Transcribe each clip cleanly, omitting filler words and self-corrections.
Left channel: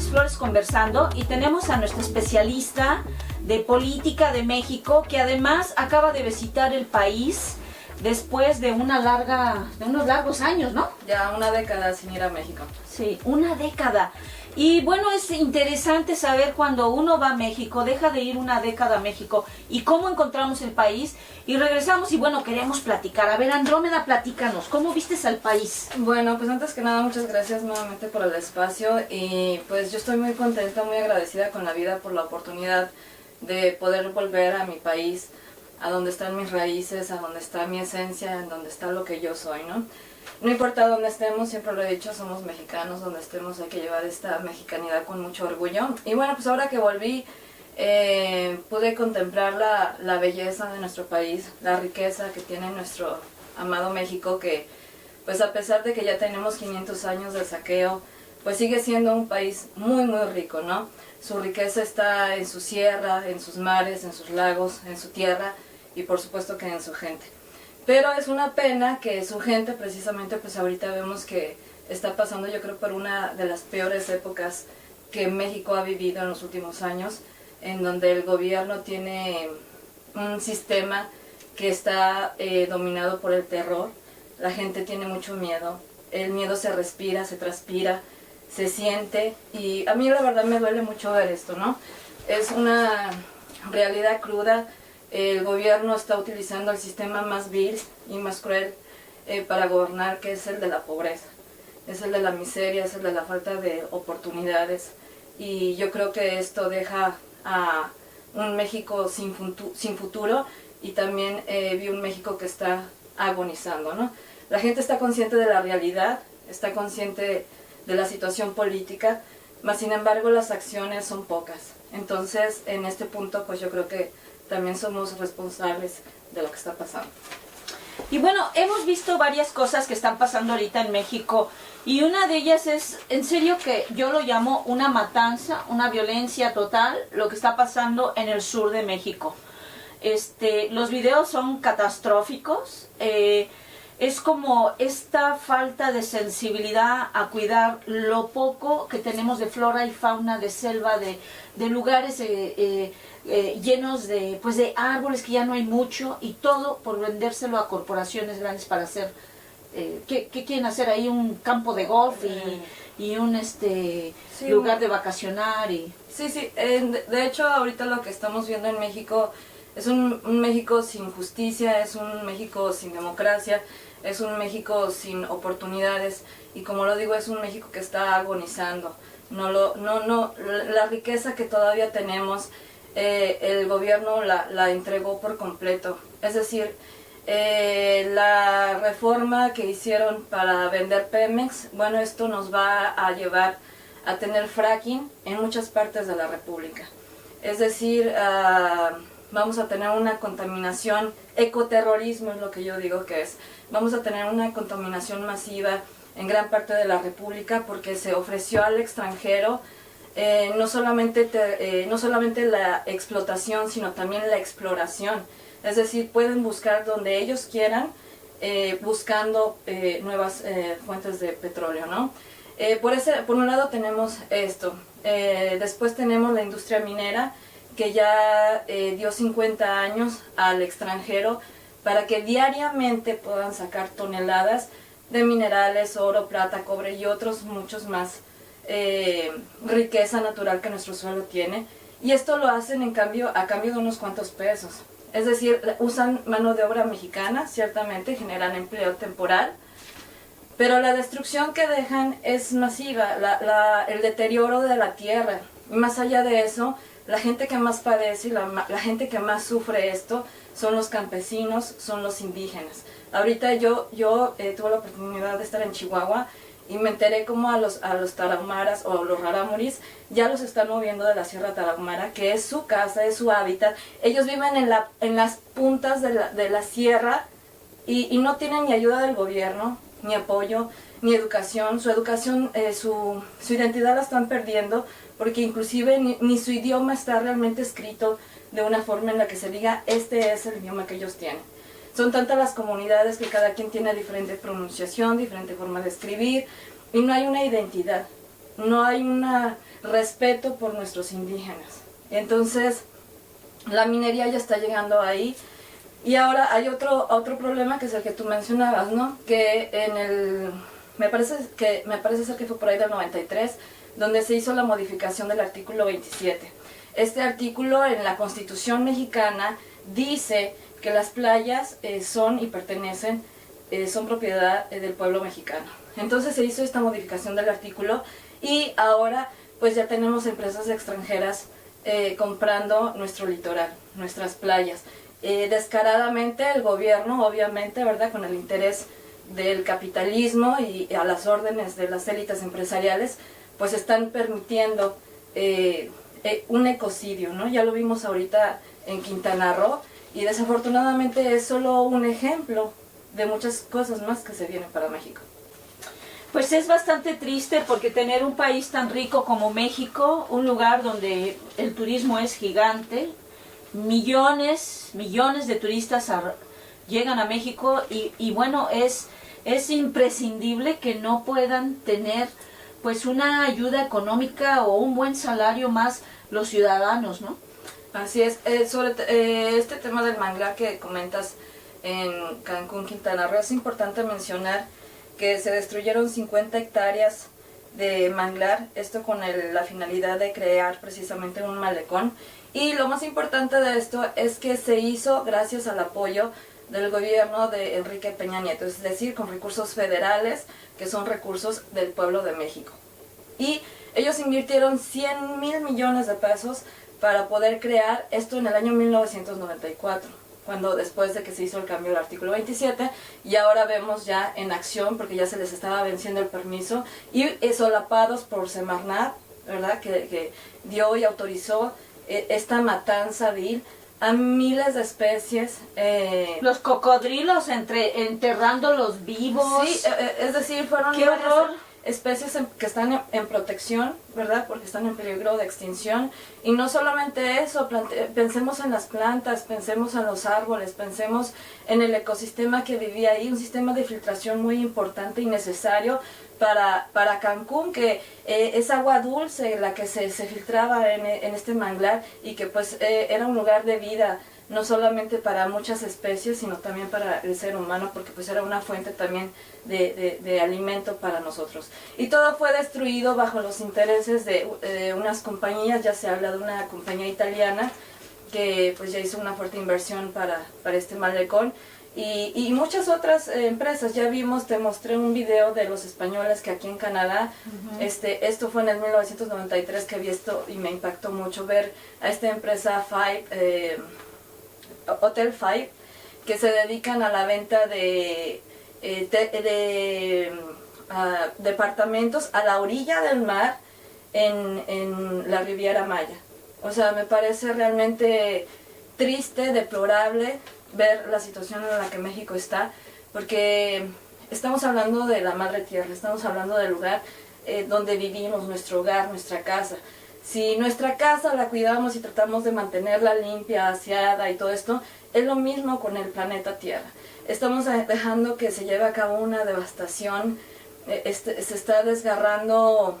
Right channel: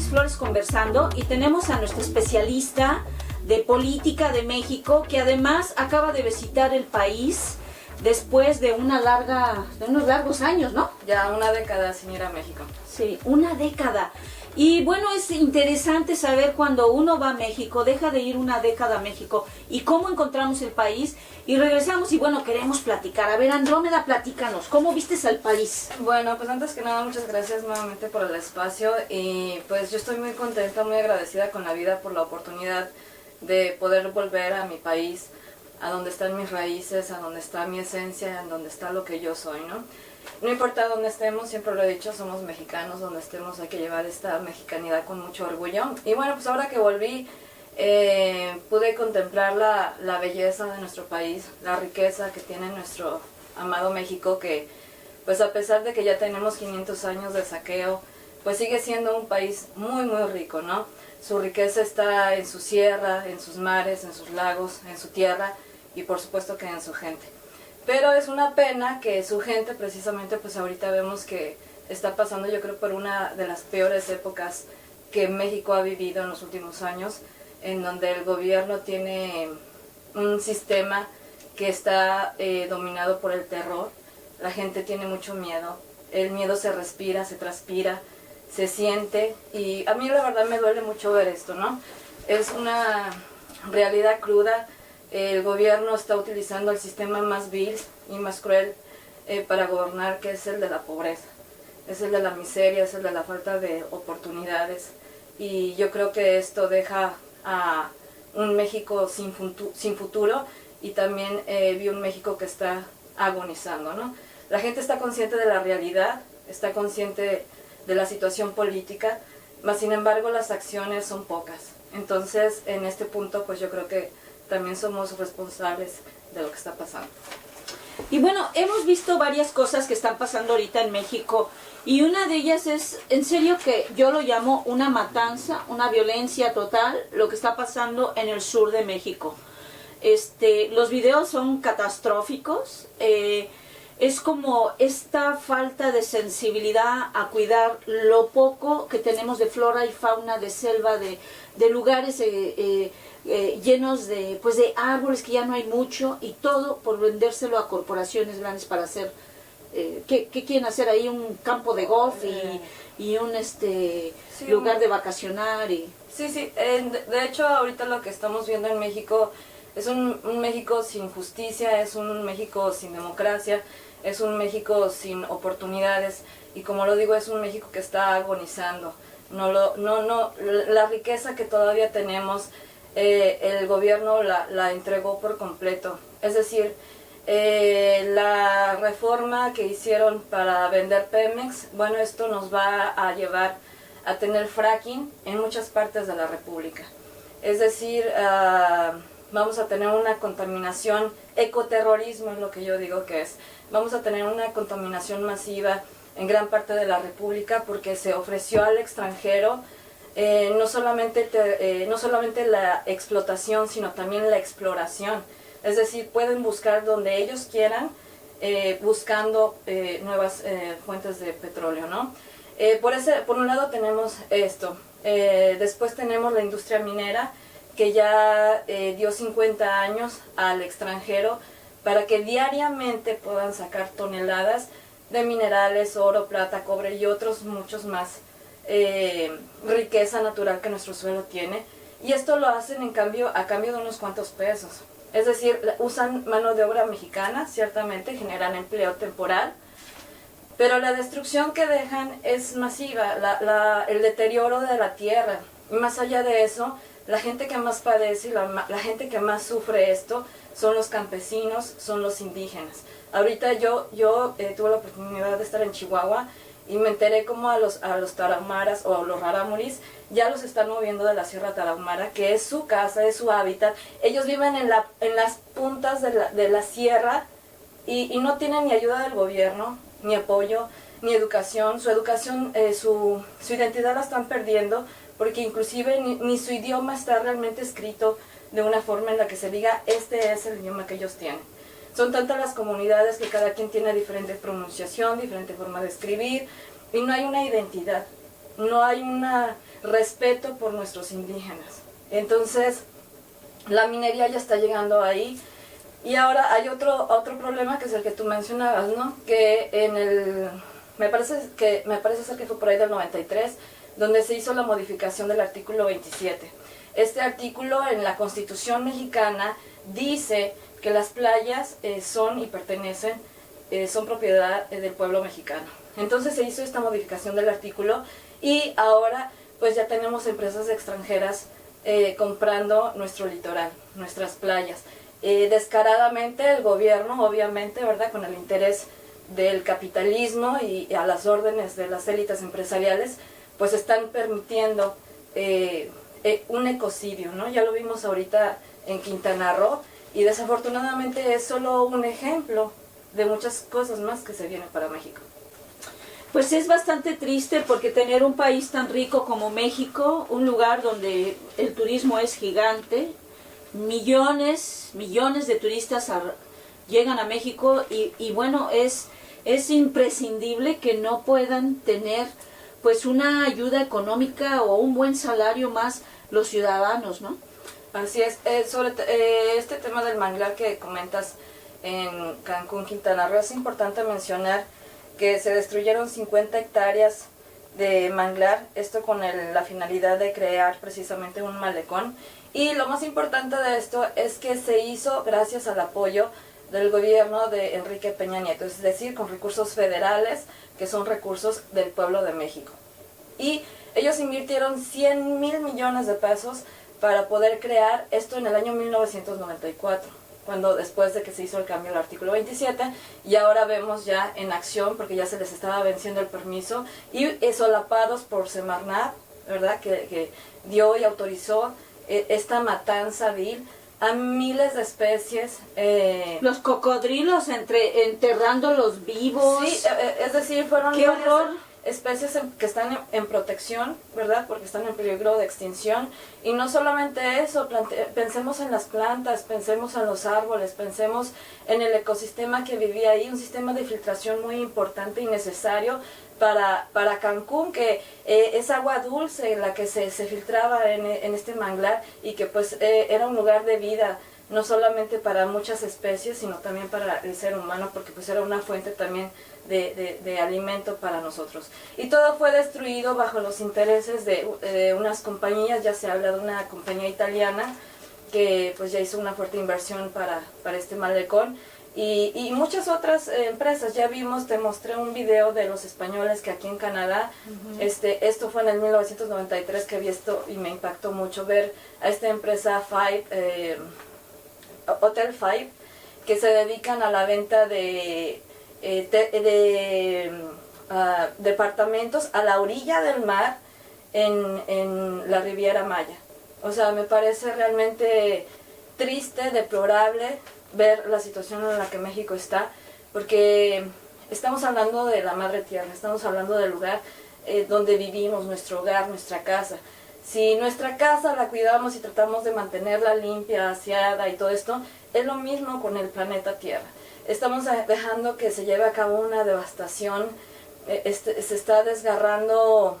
Flores Flores conversando y tenemos a nuestra especialista de política de México que además acaba de visitar el país después de unos largos años, ¿no? Ya una década sin ir a México. Sí, una década. Y bueno, es interesante saber cuando uno va a México, deja de ir una década a México y cómo encontramos el país y regresamos y bueno, queremos platicar. A ver, Andrómeda, platícanos, ¿cómo vistes al país? Bueno, pues antes que nada, muchas gracias nuevamente por el espacio y pues yo estoy muy contenta, muy agradecida con la vida por la oportunidad de poder volver a mi país, a donde están mis raíces, a donde está mi esencia, en donde está lo que yo soy, ¿no? No importa dónde estemos, siempre lo he dicho, somos mexicanos, donde estemos hay que llevar esta mexicanidad con mucho orgullo. Y bueno, pues ahora que volví, pude contemplar la belleza de nuestro país, la riqueza que tiene nuestro amado México, que pues a pesar de que ya tenemos 500 años de saqueo, pues sigue siendo un país muy muy rico, ¿no? Su riqueza está en su sierra, en sus mares, en sus lagos, en su tierra y por supuesto que en su gente. Pero es una pena que su gente precisamente pues ahorita vemos que está pasando yo creo por una de las peores épocas que México ha vivido en los últimos años, en donde el gobierno tiene un sistema que está dominado por el terror, la gente tiene mucho miedo, el miedo se respira, se transpira, se siente y a mí la verdad me duele mucho ver esto, ¿no? Es una realidad cruda. El gobierno está utilizando el sistema más vil y más cruel para gobernar, que es el de la pobreza, es el de la miseria, es el de la falta de oportunidades. Y yo creo que esto deja a un México sin futuro y también vi un México que está agonizando, ¿no? La gente está consciente de la realidad, está consciente de la situación política, mas sin embargo las acciones son pocas. Entonces en este punto pues yo creo que también somos responsables de lo que está pasando. Y bueno, hemos visto varias cosas que están pasando ahorita en México y una de ellas es, en serio que yo lo llamo una matanza, una violencia total, lo que está pasando en el sur de México. Los videos son catastróficos, es como esta falta de sensibilidad a cuidar lo poco que tenemos de flora y fauna, de selva, de lugares llenos de árboles que ya no hay mucho y todo por vendérselo a corporaciones grandes para hacer, ¿qué quieren hacer ahí? Un campo de golf y un sí, lugar de vacacionar. Sí, de hecho ahorita lo que estamos viendo en México es un México sin justicia, es un México sin democracia, es un México sin oportunidades y como lo digo es un México que está agonizando. La riqueza que todavía tenemos, el gobierno la entregó por completo. Es decir, la reforma que hicieron para vender Pemex, bueno, esto nos va a llevar a tener fracking en muchas partes de la República. Es decir, vamos a tener una contaminación, ecoterrorismo es lo que yo digo que es. Vamos a tener una contaminación masiva en gran parte de la República porque se ofreció al extranjero no solamente la explotación, sino también la exploración. Es decir, pueden buscar donde ellos quieran, buscando nuevas fuentes de petróleo, ¿no? Por un lado tenemos esto. Después tenemos la industria minera, que ya dio 50 años al extranjero para que diariamente puedan sacar toneladas de minerales, oro, plata, cobre y otros muchos más riqueza natural que nuestro suelo tiene. Y esto lo hacen a cambio de unos cuantos pesos. Es decir, usan mano de obra mexicana, ciertamente, generan empleo temporal, pero la destrucción que dejan es masiva, el deterioro de la tierra. Y más allá de eso, la gente que más padece y la gente que más sufre esto son los campesinos, son los indígenas. Ahorita yo tuve la oportunidad de estar en Chihuahua y me enteré como a los tarahumaras o a los rarámuris ya los están moviendo de la Sierra Tarahumara, que es su casa, es su hábitat. Ellos viven en las puntas de la sierra y no tienen ni ayuda del gobierno, ni apoyo, ni educación. Su educación, su identidad la están perdiendo porque inclusive ni su idioma está realmente escrito de una forma en la que se diga este es el idioma que ellos tienen. Son tantas las comunidades que cada quien tiene diferente pronunciación, diferente forma de escribir y no hay una identidad. no hay un respeto por nuestros indígenas. Entonces, la minería ya está llegando ahí. Y ahora hay otro problema, que es el que tú mencionabas, ¿no? Que me parece ser que fue por ahí del 93, donde se hizo la modificación del artículo 27. Este artículo en la Constitución mexicana dice que las playas son y pertenecen, son propiedad del pueblo mexicano. Entonces se hizo esta modificación del artículo y ahora pues ya tenemos empresas extranjeras comprando nuestro litoral, nuestras playas. Descaradamente el gobierno, obviamente, ¿verdad?, con el interés del capitalismo y a las órdenes de las élites empresariales, pues están permitiendo un ecocidio, ¿no? Ya lo vimos ahorita en Quintana Roo y desafortunadamente es solo un ejemplo de muchas cosas más que se vienen para México. Pues es bastante triste porque tener un país tan rico como México, un lugar donde el turismo es gigante, millones de turistas llegan a México y bueno, es imprescindible que no puedan tener pues una ayuda económica o un buen salario más los ciudadanos, ¿no? Así es. Sobre este tema del manglar que comentas en Cancún, Quintana Roo, es importante mencionar que se destruyeron 50 hectáreas de manglar, esto con la finalidad de crear precisamente un malecón. Y lo más importante de esto es que se hizo gracias al apoyo del gobierno de Enrique Peña Nieto, es decir, con recursos federales, que son recursos del pueblo de México. Y ellos invirtieron 100,000 millones de pesos para poder crear esto en el año 1994, cuando después de que se hizo el cambio del artículo 27, y ahora vemos ya en acción, porque ya se les estaba venciendo el permiso, y solapados por Semarnat, ¿verdad?, que dio y autorizó esta matanza vil a miles de especies. Los cocodrilos enterrándolos vivos. Sí, es decir, fueron ¡qué horror! Especies que están en protección, ¿verdad?, porque están en peligro de extinción. Y no solamente eso, pensemos en las plantas, pensemos en los árboles, pensemos en el ecosistema que vivía ahí, un sistema de filtración muy importante y necesario para Cancún, que es agua dulce la que se filtraba en este manglar, y que pues era un lugar de vida, no solamente para muchas especies, sino también para el ser humano, porque pues era una fuente también de alimento para nosotros. Y todo fue destruido bajo los intereses de unas compañías. Ya se habla de una compañía italiana que pues ya hizo una fuerte inversión para este malecón, y muchas otras empresas. Ya vimos, te mostré un video de los españoles que aquí en Canadá, esto fue en el 1993 que vi esto y me impactó mucho ver a esta empresa Hotel Five, que se dedican a la venta de departamentos a la orilla del mar en la Riviera Maya. O sea, me parece realmente triste, deplorable ver la situación en la que México está, porque estamos hablando de la madre tierra, estamos hablando del lugar donde vivimos, nuestro hogar, nuestra casa. Si nuestra casa la cuidamos y tratamos de mantenerla limpia, aseada y todo esto, es lo mismo con el planeta Tierra. Estamos dejando que se lleve a cabo una devastación, se está desgarrando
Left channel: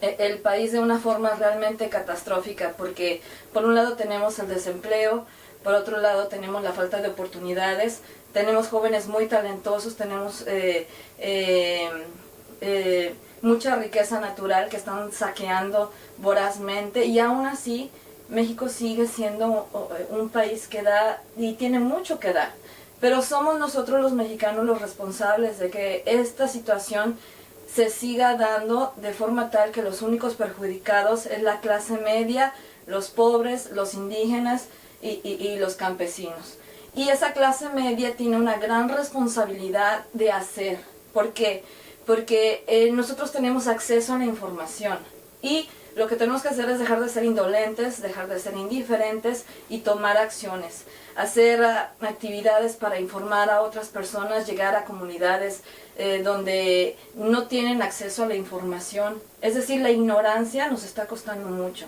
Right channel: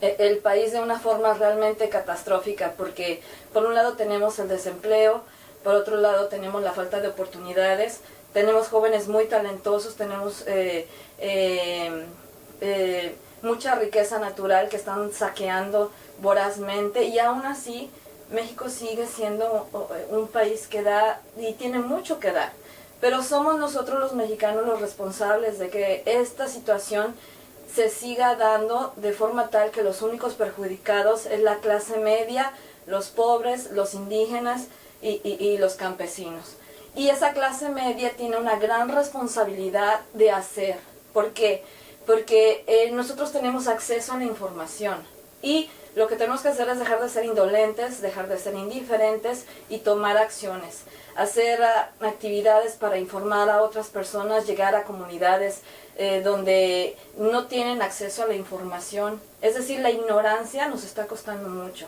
el país de una forma realmente catastrófica, porque por un lado tenemos el desempleo, por otro lado tenemos la falta de oportunidades, tenemos jóvenes muy talentosos, tenemos mucha riqueza natural que están saqueando vorazmente, y aún así México sigue siendo un país que da y tiene mucho que dar. Pero somos nosotros los mexicanos los responsables de que esta situación se siga dando de forma tal que los únicos perjudicados es la clase media, los pobres, los indígenas y los campesinos. Y esa clase media tiene una gran responsabilidad de hacer. ¿Por qué? Porque nosotros tenemos acceso a la información, y lo que tenemos que hacer es dejar de ser indolentes, dejar de ser indiferentes y tomar acciones, hacer actividades para informar a otras personas, llegar a comunidades donde no tienen acceso a la información. Es decir, la ignorancia nos está costando mucho.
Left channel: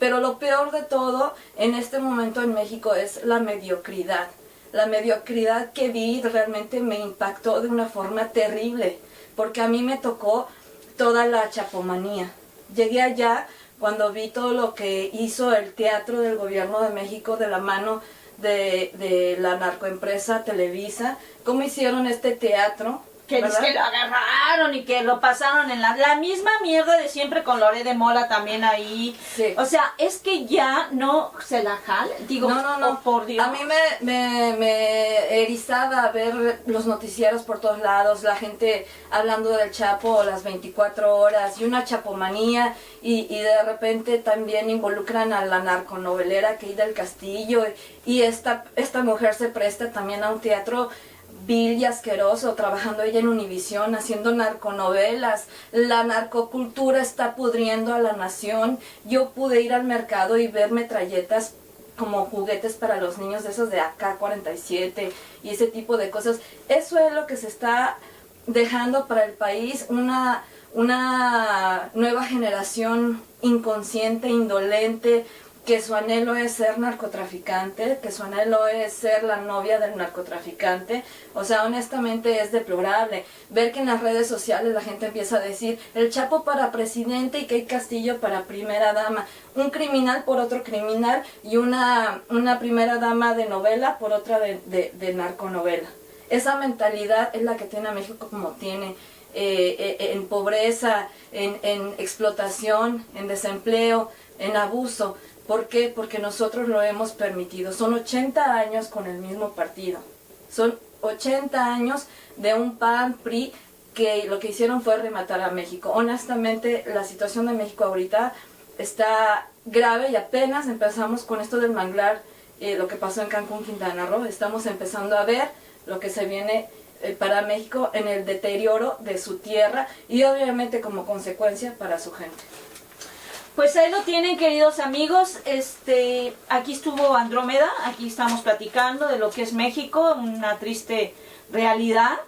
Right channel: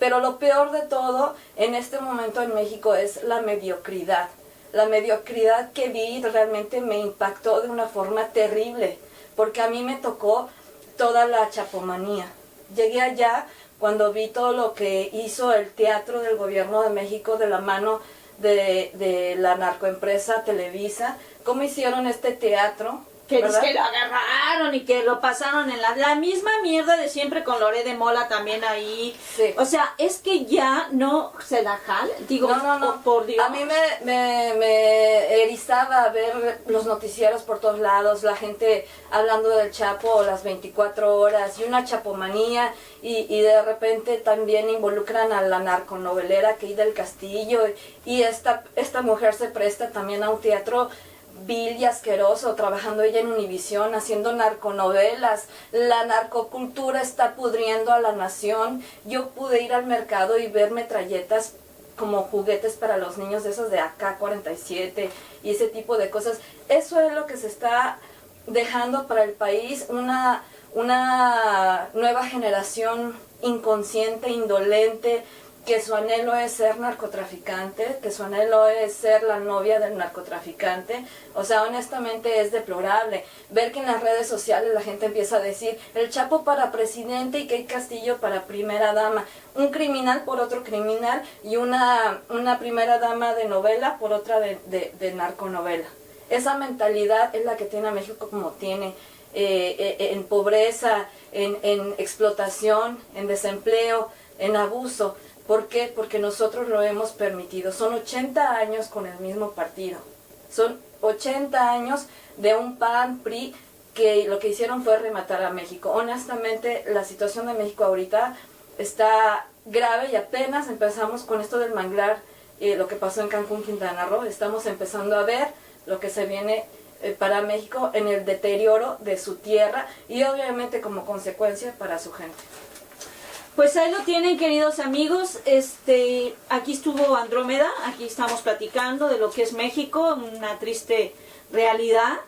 Pero lo peor de todo en este momento en México es la mediocridad. La mediocridad que vi realmente me impactó de una forma terrible, porque a mí me tocó toda la chapomanía. Llegué allá cuando vi todo lo que hizo el teatro del gobierno de México de la mano de la narcoempresa Televisa, cómo hicieron este teatro. Que ¿verdad? lo agarraron y que lo pasaron en la misma mierda de siempre con Lore de Mola también ahí. Sí. O sea, es que ya no se la jala. Digo, No. oh, por Dios. A mí me erizaba ver los noticieros por todos lados, la gente hablando del Chapo las 24 horas y una chapomanía y de repente también involucran a la narconovelera Keida del Castillo y esta mujer se presta también a un teatro vil y asqueroso, trabajando ella en Univisión, haciendo narconovelas. La narcocultura está pudriendo a la nación. Yo pude ir al mercado y ver metralletas como juguetes para los niños de esos de AK-47 y ese tipo de cosas. Eso es lo que se está dejando para el país, una nueva generación inconsciente, indolente, que su anhelo es ser narcotraficante, que su anhelo es ser la novia del narcotraficante. O sea, honestamente es deplorable ver que en las redes sociales la gente empieza a decir el Chapo para presidente y Kate Castillo para primera dama, un criminal por otro criminal y una primera dama de novela por otra de narconovela. Esa mentalidad es la que tiene a México como tiene, en pobreza, en explotación, en desempleo, en abuso. ¿Por qué? Porque nosotros lo hemos permitido. Son 80 años con el mismo partido. Son 80 años de un PAN, PRI, que lo que hicieron fue rematar a México. Honestamente, la situación de México ahorita está grave y apenas empezamos con esto del manglar, lo que pasó en Cancún, Quintana Roo. Estamos empezando a ver lo que se viene para México en el deterioro de su tierra y obviamente como consecuencia para su gente. Pues ahí lo tienen, queridos amigos. Aquí estuvo Andrómeda, aquí estamos platicando de lo que es México, una triste realidad,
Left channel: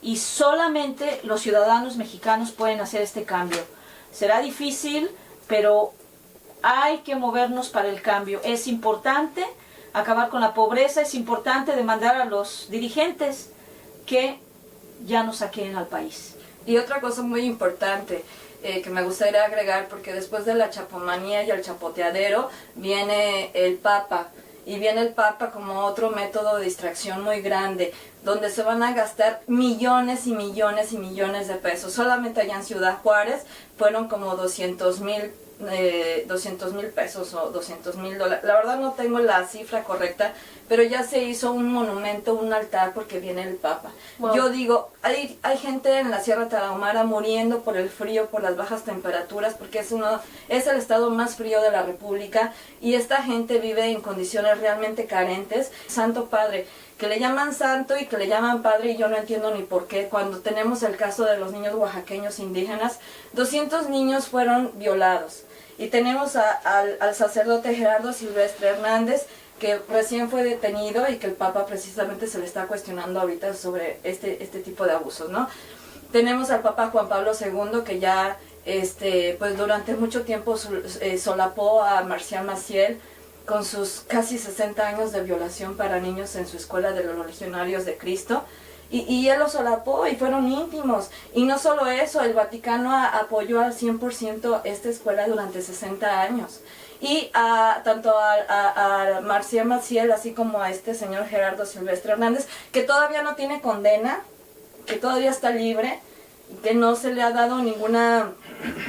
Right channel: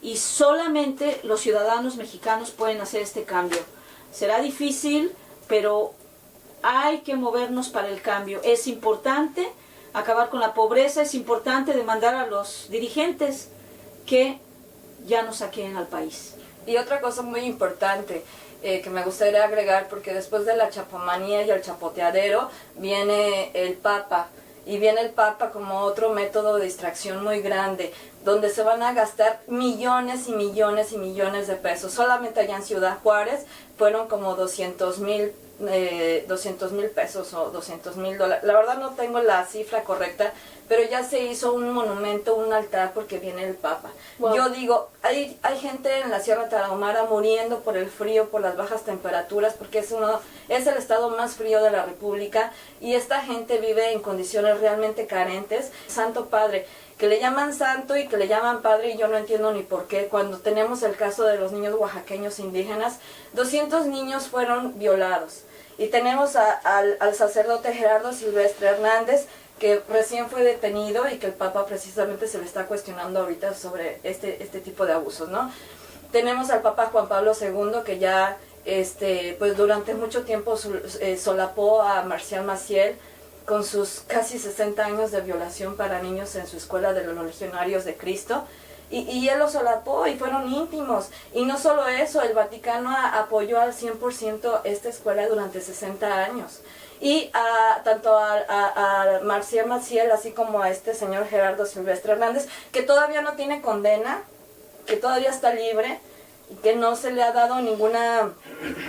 y solamente los ciudadanos mexicanos pueden hacer este cambio. Será difícil, pero hay que movernos para el cambio. Es importante acabar con la pobreza, es importante demandar a los dirigentes que ya no saquen al país. Y otra cosa muy importante, que me gustaría agregar, porque después de la chapomanía y el chapoteadero viene el Papa, y viene el Papa como otro método de distracción muy grande, donde se van a gastar millones y millones y millones de pesos. Solamente allá en Ciudad Juárez fueron como 200,000 pesos o $200,000. La verdad no tengo la cifra correcta, pero ya se hizo un monumento, un altar, porque viene el Papa. Wow. Yo digo, hay gente en la Sierra Tarahumara muriendo por el frío, por las bajas temperaturas, porque es el estado más frío de la República, y esta gente vive en condiciones realmente carentes. Santo Padre, que le llaman santo y que le llaman padre, y yo no entiendo ni por qué. Cuando tenemos el caso de los niños oaxaqueños indígenas, 200 niños fueron violados. Y tenemos al sacerdote Gerardo Silvestre Hernández, que recién fue detenido y que el Papa precisamente se le está cuestionando ahorita sobre este tipo de abusos, ¿no? Tenemos al Papa Juan Pablo II, que ya pues durante mucho tiempo solapó a Marcial Maciel con sus casi 60 años de violación para niños en su escuela de los Legionarios de Cristo. Y él lo solapó y fueron íntimos. Y no solo eso, el Vaticano apoyó al 100% esta escuela durante 60 años. Y tanto a Marcial Maciel, así como a este señor Gerardo Silvestre Hernández, que todavía no tiene condena, que todavía está libre, y que no se le ha dado ninguna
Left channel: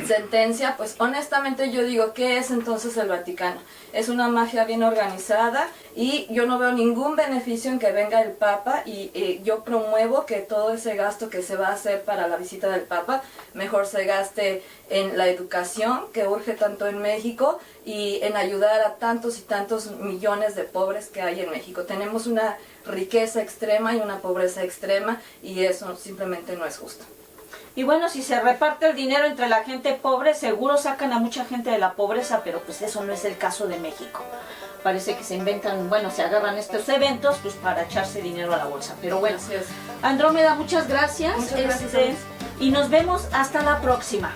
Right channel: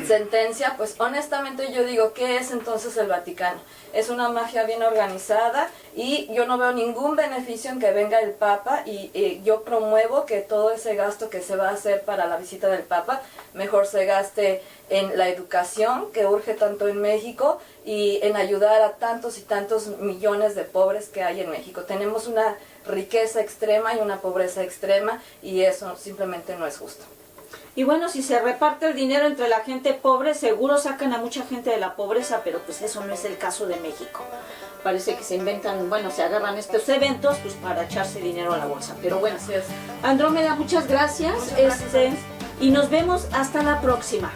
sentencia, pues honestamente yo digo, ¿qué es entonces el Vaticano? Es una mafia bien organizada y yo no veo ningún beneficio en que venga el Papa, y yo promuevo que todo ese gasto que se va a hacer para la visita del Papa mejor se gaste en la educación, que urge tanto en México, y en ayudar a tantos y tantos millones de pobres que hay en México. Tenemos una riqueza extrema y una pobreza extrema, y eso simplemente no es justo. Y bueno, si se reparte el dinero entre la gente pobre, seguro sacan a mucha gente de la pobreza, pero pues eso no es el caso de México. Parece que se inventan, bueno, se agarran estos eventos pues para echarse dinero a la bolsa. Pero bueno, Andrómeda, muchas gracias. Muchas gracias. Y nos vemos hasta la próxima.